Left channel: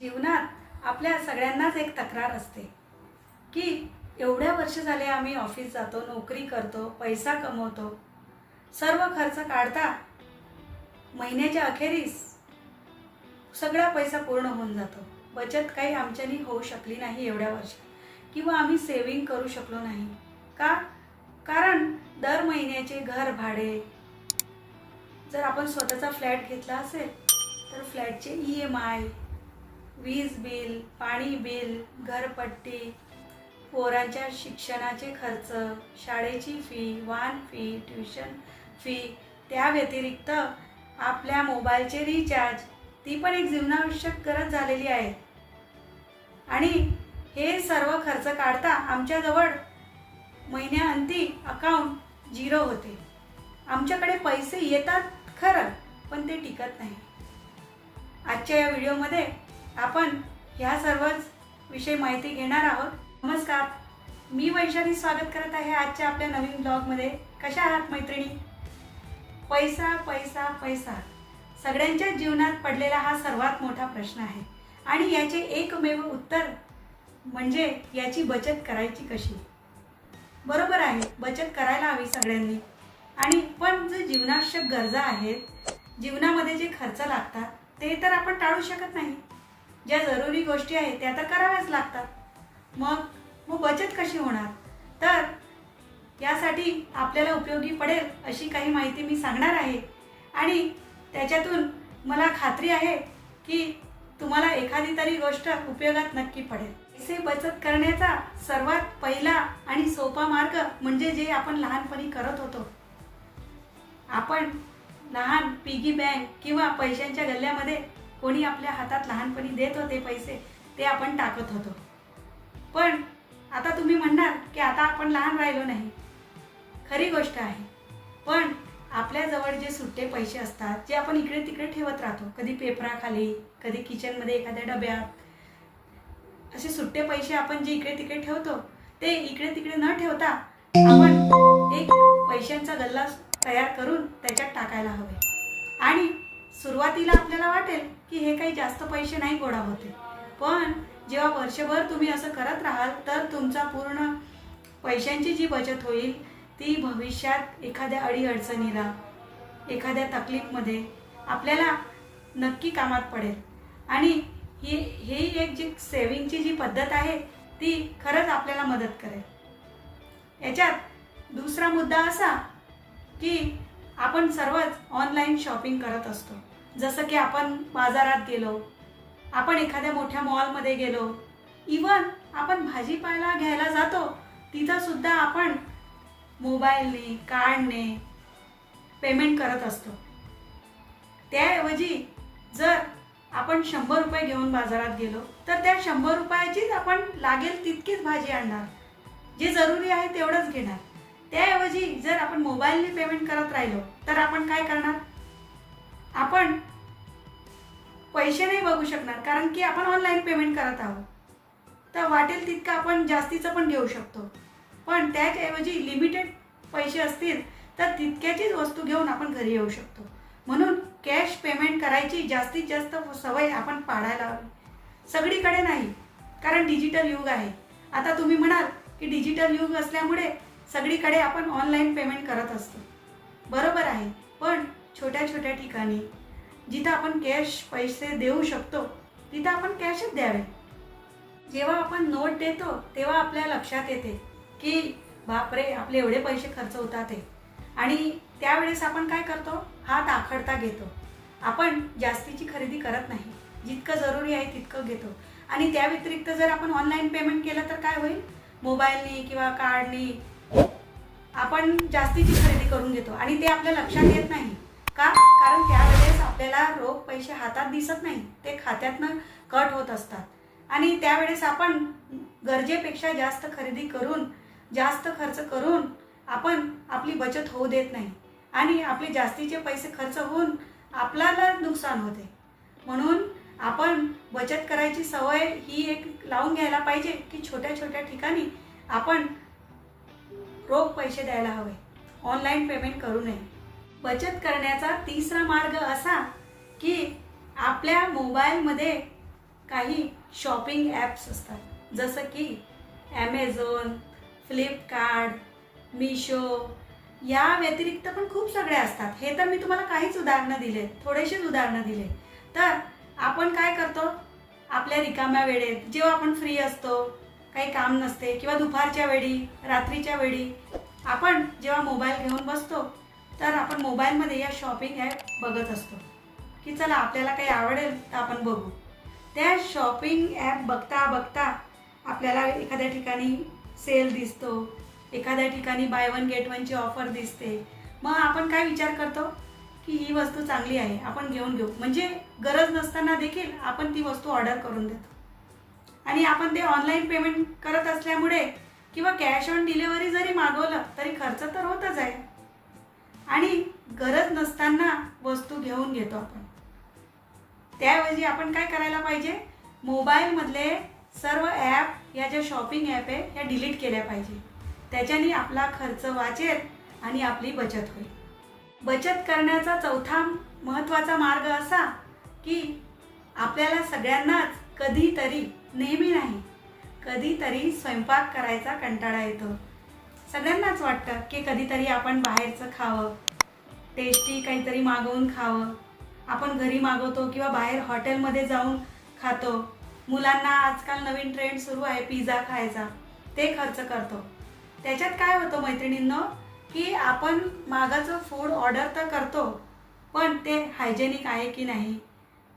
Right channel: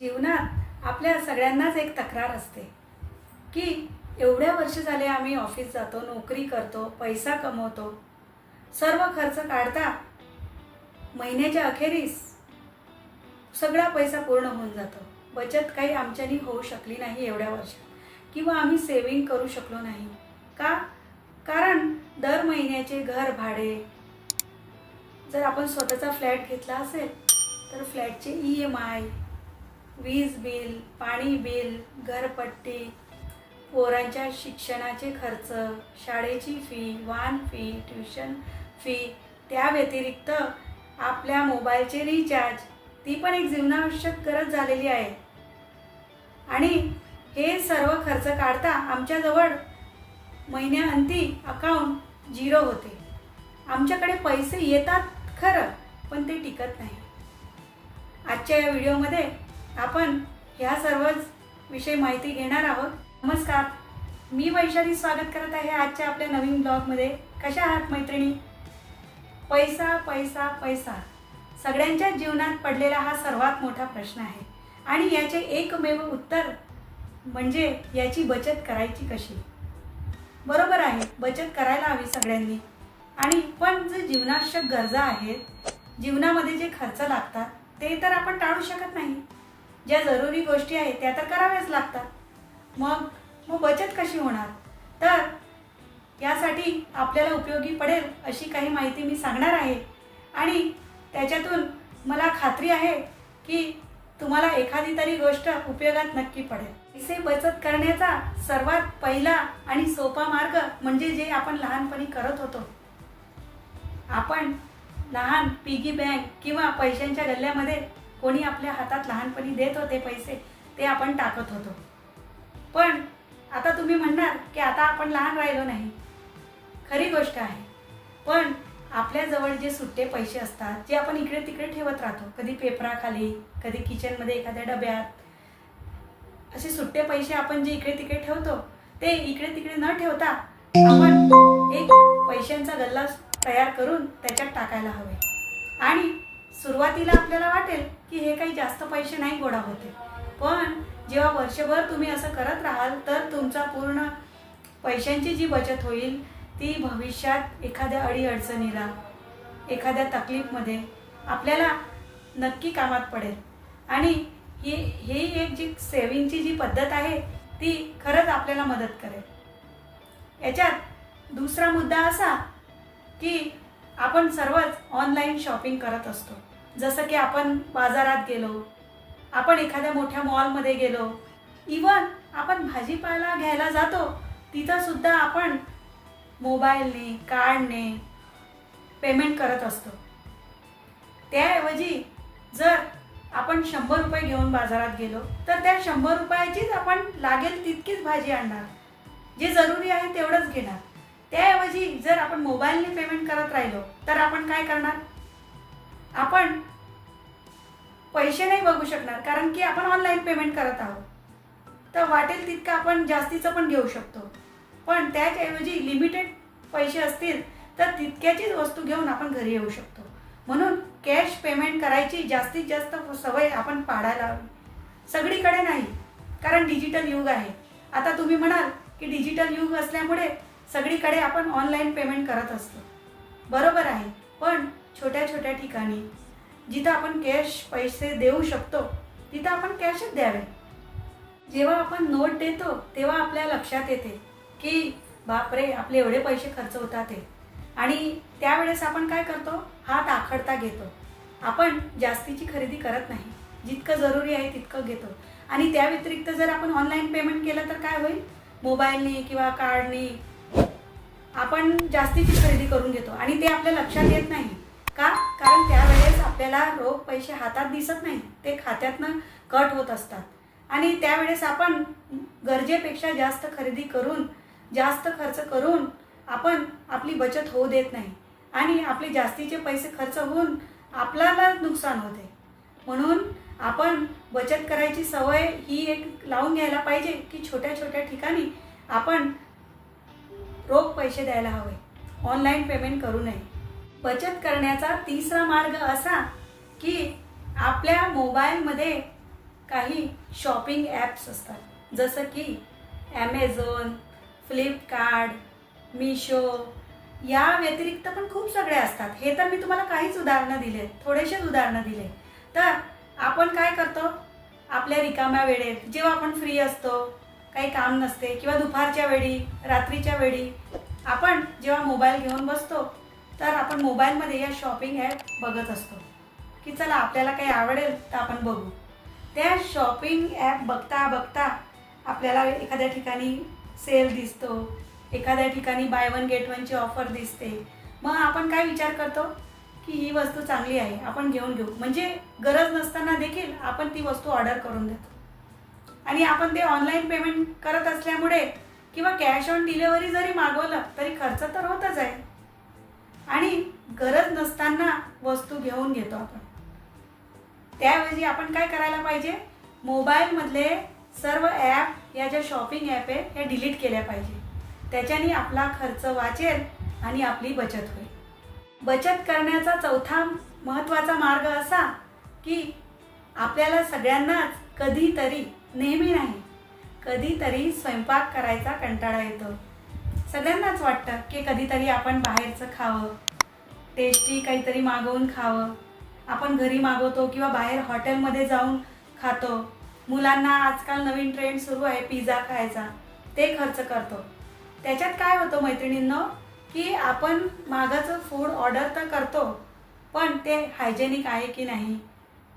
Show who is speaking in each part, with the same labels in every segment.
Speaker 1: जीवनात आपल्या सगळ्यांनाच एक तक्रार असते की एवढ्या वर्ष झाले आम्ही ऑफिस जातो नोकरी करतो पैसा कमवतो सर्व खर्च काढता महिन्याच्या अखेरीस सगळा पैसा पूर्ण होऊन जातो. बचत काही आमच्यानी होऊ शकली नाही एवढ्या वर्षात किंवा आम्ही सेविंग करू शकलो नाही. का? कारण दर महिन्याचे घर भाडे जर आपण स्वतःचा फ्लॅट घेतला असेल तर फ्लॅटचे ई एम आय वीज बिल पाणी बिल घरपट्टी पोरांच्या शिक्षणाचे खर्च शाळेची फी वाहन फी ट्युशन फी त्या व्यतिरिक्त आपल्या मोबाईलचे रिचार्ज ती पण एक जीवनावश्यक गरज झालेली आहे. आणि हे सर्व खर्च काढता आमच्याजवळ महिन्याअंती अकाउंट झिरो होते. आमच्याकडे पैसे येतात खरं पण ते टिकत नाही. आजच्या या व्हिडिओमध्ये आपण ह्या सर्वच विषयी माहिती घेणार आहोत. नमस्कार. मी वैशाली स्वागत करत आहे आजच्या आपल्या नवीन ब्लॉगमध्ये. कशा आहात मैत्रिणी? पैसा पैसा पैसा. सगळ्यांच्या जीवनात पडलेला हा सर्वात मोठा प्रश्न आहे. आणि याचे एकमेव उत्तर म्हणजे याची बचत करायची कशी? बरोबर आहे बचत करायला हवी सगळ्यांनी. आणि पण जे जीवनावश्यक गरजा आहेत जीवनामध्ये जे खर्च लागतात ते तर आपण टाळू शकत नाही. ज्या जरुरी गोष्टी आहेत त्या तर कराव्याच लागतात. मग मग बचत कशी होणार? तर यासाठी आपल्याला उपयोगी पडेल अशी काही माहिती मी सांगणार आहे. आणि त्याच्यातून मला खात्री आहे की तुम्हाला एखादी तरी गोष्ट उपयोगात नक्की पडेल. पैसे बचत करण्याचा सर्वात पहिला आणि सोपा मार्ग म्हणजे जे आपण लहानपणी करत होतो. आपण लहान पिगी बँक किंवा पैशांच्या गल्ल्यामध्ये कोणी आपल्या हातात लहानपणी देत होते पैसे ते आपण टाकत होतो. पण आता तुम्ही म्हणणार की आता आपण लहान राहिलो नाही. खरी गोष्ट आहे. पण आपल्याजवळ जे सुट्टे पैसे असतात जे आपण इकडे तिकडे ठेवत राहतो कधी पेपराखाली कधी किचनमध्ये एखाद्या डब्यात असे सुट्टे पैसे आपण जे इकडे तिकडे ठेवतो ते इकडे तिकडे न ठेवता आपण एक पैशांचा गल्ला तयार करून त्याच्यात टाकायला हवे. आणि सुरुवातीला आपल्याला वाटेल की हे काही जास्त पैसे नाही गोळा होते. पण जेव्हा वर्षभर तुम्ही असं करत राहाल तर तुमचा पूर्ण पैशांची जी बचत होईल ती भविष्यात एखाद्या अडीअडचणीला एखाद्या तकलीफमध्ये आपल्याला नक्की कामात पडेल. आणि ही ही एक जी सेविंगची जी पद्धत आहे ती खरंच आपल्याला मदत करेल. याच्यात दुसरा मुद्दा असा की आपण सर्वच ऑनलाईन शॉपिंग करत असतो. जसं की आपण बाजारात गेलो आपण एखाद्या मोठ्या मॉलमध्ये गेलो इवन आपण भाजीपाला घ्यायला जातो तिथं सुद्धा आपण मोबाईलने कार्डने पेमेंट करत असतो. त्याऐवजी जर आपण शंभर रुपये घेऊन बाजारात गेलो तर त्या शंभर रुपयाचीच आपण लागेल तितकीच भाजी आणणार. जे जरुरी आहे तेवढंच घेणार. त्याऐवजी जर आपण मोबाईलने पेमेंट करत राहिलो तर आपण काय करणार? आपण पैसे नाही बघू शकणार कारण की आपण ऑनलाईन पेमेंट करत आहोत. तर वाटेल तितकं आपण जास्तीचं पण घेऊ शकतो. पण त्याच्याऐवजी लिमिटेड पैसे असतील तर तितक्याचीच वस्तू घेऊन आपण घरी येऊ शकतो. म्हणून कॅश पेमेंट करायची जास्तीत जास्त सवय आपण पाडायला हवी. सगळीकडे नाही कारण डिजिटल युग आहे. आता तुम्ही म्हणाल की डिजिटल युग असल्यामुळे सगळीकडे आपण ऑनलाईन पेमेंट करत असतो. बरोबर आहे पण छोट्या छोट्या ठिकाणी जिथं आपण कॅश पैसे देऊ शकतो तिथं आपण कॅशच द्यावे. जेव्हा आपण नोट देतो तेव्हा आपल्या लक्षात येते की बापरे आपले एवढे पैसे खर्च होतात ते आणि त्यावेळेस आपण काय करतो? हात आखडता घेतो. आपण जास्तीची खरेदी करत नाही. जितकं जरुरी आहे तितकं घेतो. आणि त्या व्यतिरिक्त जर आपण ऑनलाईन पेमेंट केलं तर काय होईल? मोबाईलने किंवा कार्डने आपण जास्तीची खरेदी करून घेतो. आणि ते आपल्या लक्षात येत नाही. का? कारण त्यावेळेस आपल्याला रोख पैसे हातात दिसत नाही ते खात्यातनं कट होत असतात. आणि त्यावेळेस आपण गरजेपेक्षा जास्त खरेदी करून जास्त खर्च करून आपण आपली बचत होऊ देत नाही. आणि आपले जास्तीचे पैसे खर्च होऊन आपल्याला नुकसान होते. म्हणून आपण बचत करायची सवय ही एक लावून घ्यायला पाहिजे की छोट्या छोट्या ठिकाणी आपण रोख पैसे द्यायला हवे. ऑनलाईन पेमेंट करू नये. बचत करण्याचा तिसरा मार्ग असा की आपल्या मोबाईलमध्ये काही शॉपिंग ॲप्स असतात. जसं की ॲमेझॉन फ्लिपकार्ट मिशो या व्यतिरिक्त पण खूप सगळे असतात. हे तर मी तुम्हाला काहीच उदाहरणं दिले थोडेसेच उदाहरणं दिले. तर आपण काय करतो? आपल्या रिकाम्या वेळेत जेव्हा आपण फ्री असतो काही काम नसते किंवा दुपारच्या वेळी रात्रीच्या वेळी आपण जेव्हा मोबाईल घेऊन बसतो तर आपण मोबाईलमध्ये या शॉपिंग ॲप बघत असतो. की चला आपल्याला काही आवडेल तर आपण बघू. त्या शॉपिंग ॲप बघता बघता आपल्याला एखाद्या ठिकाणी सेल दिसतो एखाद्या ठिकाणी बाय वन गेट वनची ऑफर दिसते. मग आपण काय विचार करतो? की ही वस्तू चांगली आहे आपण घेऊन घेऊ. म्हणजे गरज नसताना देखील आपण ती वस्तू ऑर्डर करून देतो. आणि आपण ते ऑनलाईन पेमेंट करत असल्यामुळे किंवा कॅश ऑन डिलेवरी जरी मागवलं तरी खर्च तर होतच आहे. आणि गरज नसताना वस्तू घेऊन घेतो आपण. त्याऐवजी आपण काय करायला पाहिजे? मोबाईलमधले सर्व ॲप या ज्या शॉपिंग ॲप आहे ह्या डिलीट केल्या पाहिजे. त्याच्याने आपला खर्च वाचेल आणि आपली बचत होईल. बचत करण्याचा चौथा महत्त्वाचा मार्ग असा की आपल्याला सगळ्यांनाच कधीतरी नेहमी नाही कधीतरी स्वयंपाक करायचा कंटाळा येतो. सगळ्यांनाच वाटतं की कधीतरी आपण बाहेरचं खावं टेस्टी काहीतरी मागवून खावं. आपण घरी मागवतो किंवा बाहेर हॉटेलमध्ये जाऊन खातो. मुलांना आजकाल नवीन ट्रेंड सुरू आहे पिझ्झा खायचा. ते खर्च करतो. त्याच्यात काय होतं मैत्रिणींनो की आपण मागाचं फूड ऑर्डर तर करतो पण ते हायजेनिक आहे की नाही?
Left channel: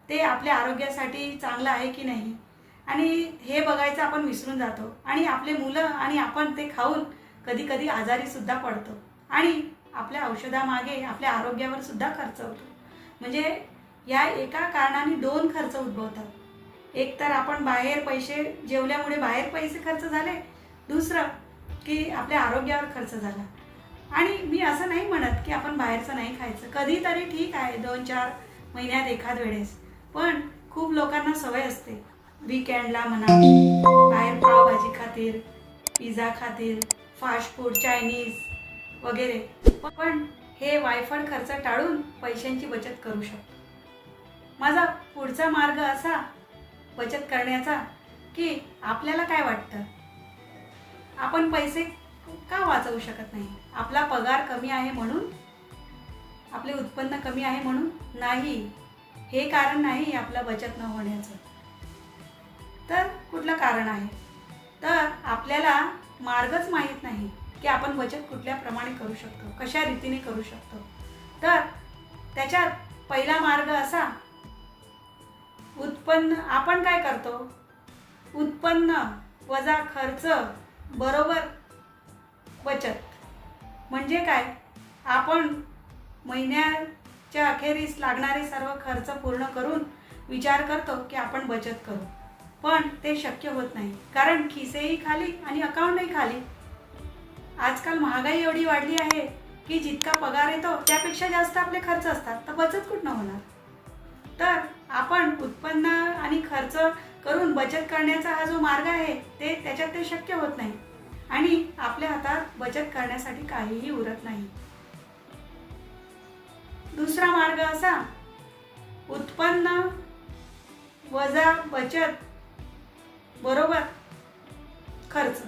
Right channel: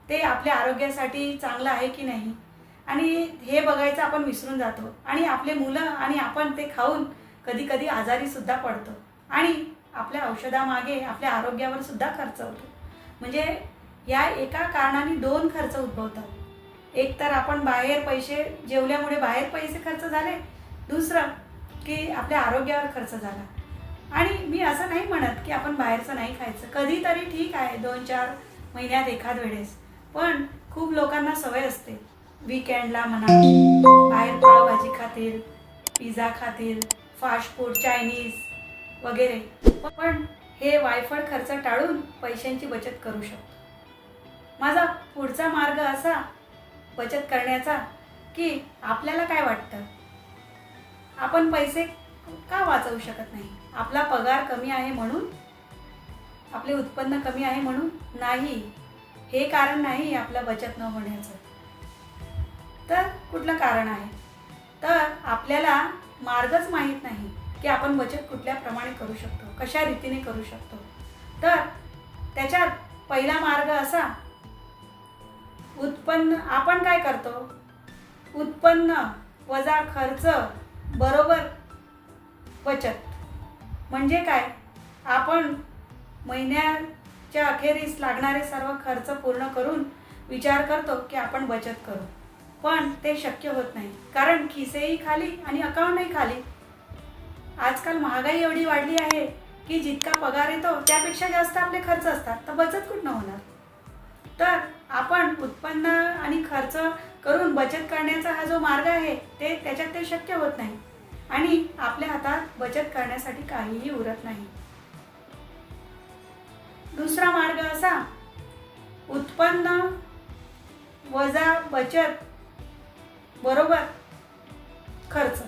Speaker 1: ते आपल्या आरोग्यासाठी चांगलं आहे की नाही? आणि हे बघायचं आपण विसरून जातो. आणि आपले मुलं आणि आपण ते खाऊन कधी कधी आजारी सुद्धा पडतो. आणि आपल्या औषधामागे आपल्या आरोग्यावर सुद्धा खर्च होतो. म्हणजे या एका कारणाने दोन खर्च उद्भवतात. एक तर आपण बाहेर पैसे जेवल्यामुळे बाहेर पैसे खर्च झाले. दुसरं की आपल्या आरोग्यावर खर्च झाला. आणि मी असं नाही म्हणत की आपण बाहेरचं नाही खायचं. कधीतरी ठीक आहे दोन चार महिन्यात एखाद वेळेस. पण खूप लोकांना सवय असते. वीकेंडला म्हणा बाहेर पावभाजी खातील पिझ्झा खातील फास्ट फूड चायनीज वगैरे. पण हे वायफळ खर्च टाळून पैशांची बचत करू शकतो. माझा पुढचा मार्ग असा बचत करण्याचा की आपल्याला काय वाटतं? आपण पैसे का वाचवू शकत नाही? आपला पगार कमी आहे म्हणून आपले उत्पन्न कमी आहे म्हणून नाही. हे कारण नाही आपलं बचत न होण्याचं. तर कुठलं कारण आहे? तर आपल्याला मार्गच माहीत नाही की आपण बचत कुठल्या प्रमाणे करू शकतो कशा रीतीने करू शकतो. तर त्याच्यात पहिला मार्ग असा उत्पन्न आपण काय करतो? उत्पन्न वजा खर्च बरोबर बचत. म्हणजे काय? आपण महिन्याच्या अखेरीस लागणारे सर्व खर्च पूर्ण करून विचार करतो की आपण बचत करू. पण ते शक्य होत नाही. कारण खिसेही खाली आणि अकाउंटही खाली. आजकाल महागाई एवढी वाढली आहे की जितका पगार येतो त्यापेक्षा जास्त आपले खर्च असतात. तर बचत कुठनं होणार? तर आपण उत्पन्न आणि खर्च करून बचत करण्याचा हा जो मार्ग आहे ते त्याच्यात ते शक्य होत नाही. आणि आपल्या हातात बचत करण्यासाठी काहीही उरत नाही. दुसरा मार्ग असा उत्पन्न वजा बचत बरोबर. खर्च.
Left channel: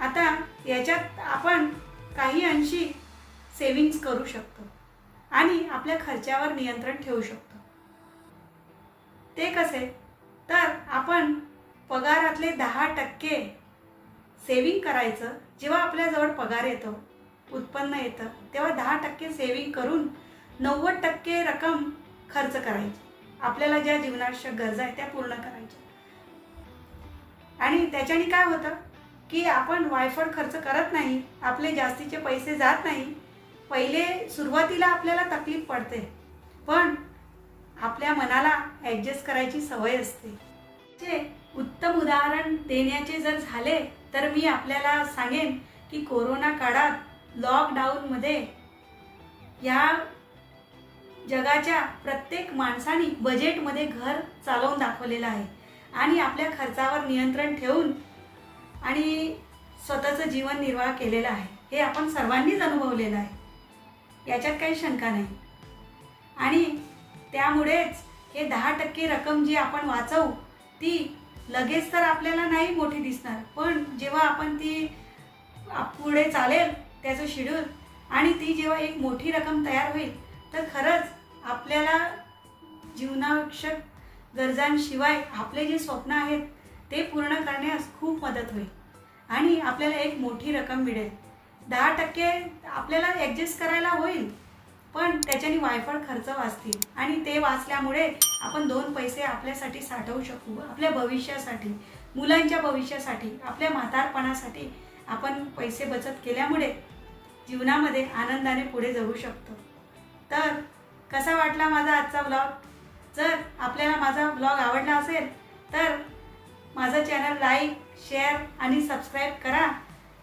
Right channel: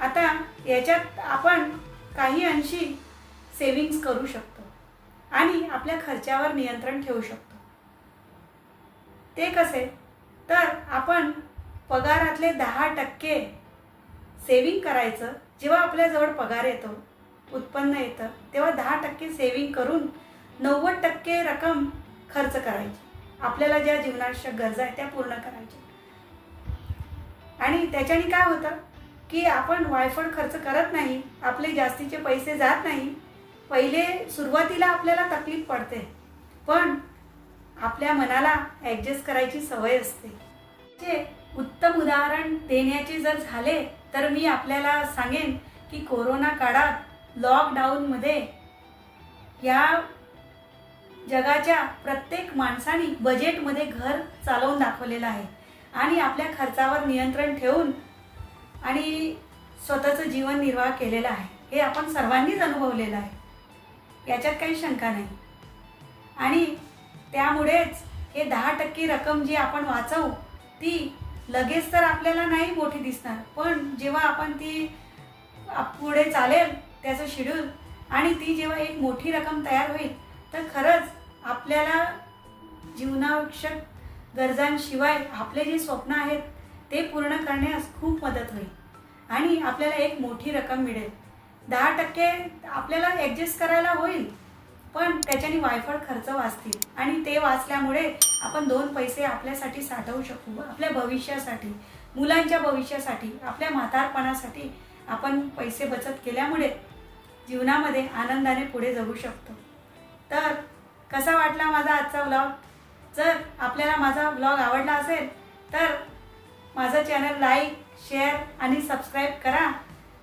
Speaker 1: आता याच्यात आपण काही अंशी सेविंग्स करू शकतो आणि आपल्या खर्चावर नियंत्रण ठेवू शकतो. ते कसे? तर आपण पगारातले दहा टक्के सेविंग करायचं जेव्हा आपल्याजवळ पगार येतो उत्पन्न येतं तेव्हा दहा टक्के सेविंग करून नव्वद टक्के रक्कम खर्च करायची. आपल्याला ज्या जीवनावश्यक गरजा आहेत त्या पूर्ण करायच्या. आणि त्याच्याने काय होतं की आपण वायफळ खर्च करत नाही आपले जास्तीचे पैसे जात नाही. पहिले सुरुवातीला आपल्याला तकलीफ पडते पण आपल्या मनाला ॲडजस्ट करायची सवय असते. जे उत्तम उदाहरण देण्याचे जर झाले तर मी आपल्याला सांगेन की कोरोना काळात लॉकडाऊनमध्ये या जगाच्या प्रत्येक माणसाने बजेटमध्ये घर चालवून दाखवलेलं आहे. आणि आपल्या खर्चावर नियंत्रण ठेवून आणि स्वतःचं जीवन निर्वाह केलेलं आहे. हे आपण सर्वांनीच अनुभवलेलं आहे. याच्यात काही शंका नाही. आणि त्यामुळेच हे दहा टक्के रक्कम जी आपण वाचवू ती लगेच तर आपल्याला नाही मोठी दिसणार. पण जेव्हा आपण ती पुढे चालेल त्याचं शेड्यूल आणि ती जेव्हा एक मोठी रक्कम तयार होईल तर खरंच आपल्याला जीवनावश्यक गरजांशिवाय आपले जे स्वप्न आहेत ते पूर्ण करण्यास खूप मदत होईल. आणि आपल्याला एक मोठी रक्कम मिळेल. दहा टक्के आपल्याला ॲडजस्ट करायला होईल पण त्याच्याने वायफळ खर्च वाचतील. आणि ते वाचल्यामुळे आपण दोन पैसे आपल्यासाठी साठवू शकू. आपल्या भविष्यासाठी मुलांच्या भविष्यासाठी आपल्या म्हातारपणासाठी आपण पैसे बचत केल्यामुळे जीवनामध्ये आनंदाने पुढे जगू शकतो. तर कसा वाटला माझा आजचा व्लॉग जर आपल्याला माझा ब्लॉग आवडला असेल तर माझं चॅनल लाईक शेअर आणि सबस्क्राईब करा.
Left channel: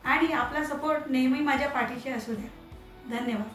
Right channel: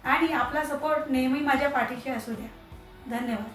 Speaker 1: आणि आपला सपोर्ट नेहमी माझ्या पाठीशी असू द्या. धन्यवाद.